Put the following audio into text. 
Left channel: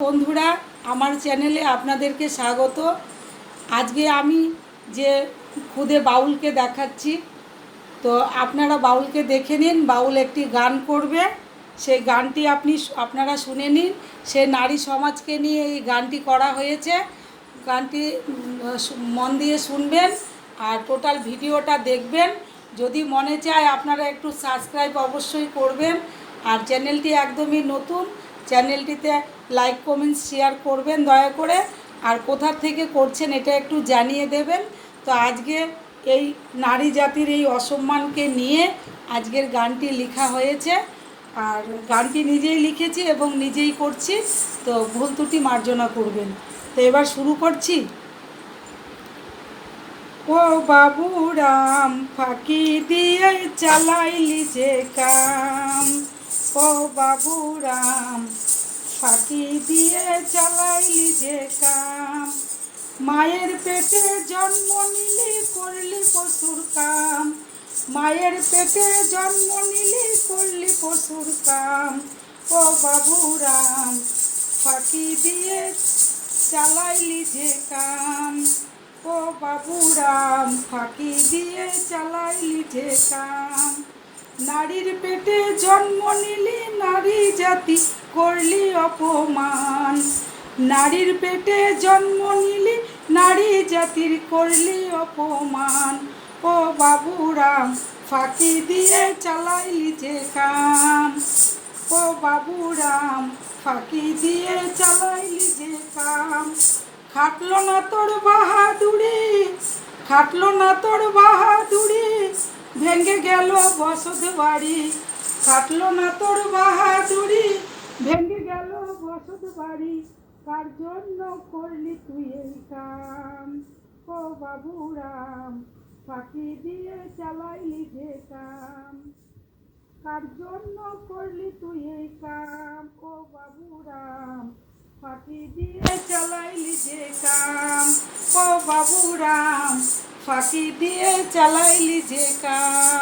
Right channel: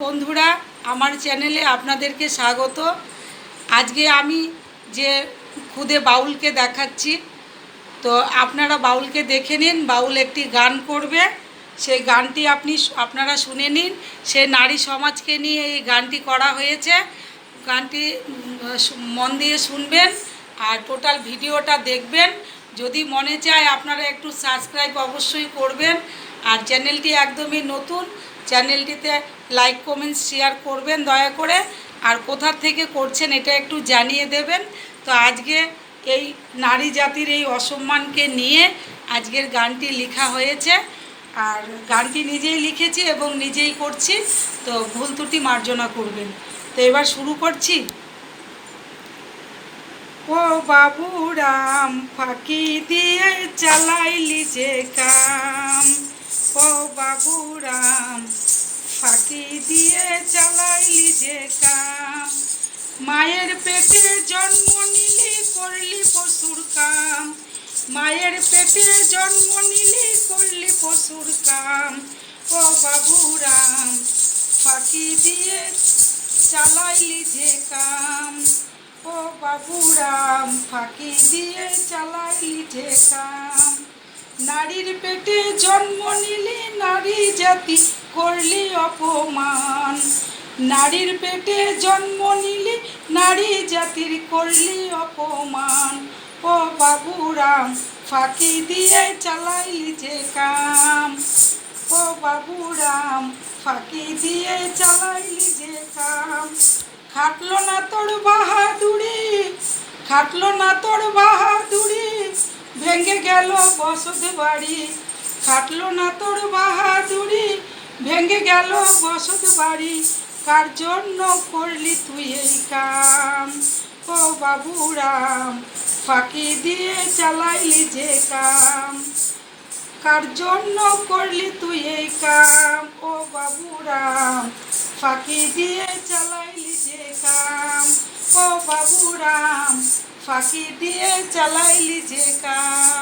বন্ধুরা, আমার চ্যানেলে আপনাদেরকে স্বাগত। আজকে আমি যে খুদে বাউলকে দেখাচ্ছি, তো আপনারা বাউলকে দেখে নিন, বাউল একটি গান করবে। সেই গানটি আপনি আপনারা শুনে নিন। সে নারী সমাজকে নিয়ে এই গানটি করা হয়েছে। গানটি মন দিয়ে শুনবেন আর টোটাল ভিডিওটা দেখবেন। যদি মনে চায় আপনারা একটু সাবস্ক্রাইব অবশ্যই করবেন। আর চ্যানেলটি একদমই নতুন চ্যানেলটিতে লাইক, কমেন্ট, শেয়ার করবেন দয়া করে। আর কোথা থেকে করছেন এটা একটু জানিয়ে দেবেন। তো আজকে এই নারী জাতির এই অসম্মানকে নিয়ে আজকের গানটি লেখা হয়েছে। আর গানটি নিজেই লিখেছি এবং নিজেই করছি। তো ভুল ত্রুটি মার্জনা করবেন। তো এবার শুরু করছি। ও বাবুরাম ফাঁকি দিয়ে চালাইলি যে কাম। ও বাবুরাম ফাঁকি দিয়ে চালাইলি যে কাম। মায়ের পেটে জন্ম নিলি, করলি পশুর কাম। মায়ের পেটে জন্ম নিলি, করলি পশুর কাম। ও বাবুরাম, ফাঁকি দিয়ে চালাইলি যে কাম। ও বাবুরাম, ফাঁকি দিয়ে চালাইলি যে কাম। নারীর পেটে জন্ম নিলি, নারী জাতি করলি অপমান। নারীর পেটে জন্ম নিলি, নারী জাতির করলি অপমান। ও বাবুরাম, ফাঁকি দিয়ে চালাইলি যে কাম। ও বাবুরাম, ফাঁকি দিয়ে চালাইলি যে কাম। খাটলো না তোর বাহাদুরি, খাটলো না তোর বাহাদুরি, ভেঙে গেল বসত বাড়ি। খাটলো না তোর বাহাদুরি ভেঙে গেল বসত বাড়ি। কার জন্য করলি তুই এই কাম? ও বাবুরাম, ফাঁকি দিয়ে চালাইলি যে কাম। কার জন্য করলি তুই এই কাম? ও বাবুরাম, ফাঁকি দিয়ে চালাইলি যে কাম? ও বাবুরাম, ফাঁকি দিয়ে চালাইলি যে কাম?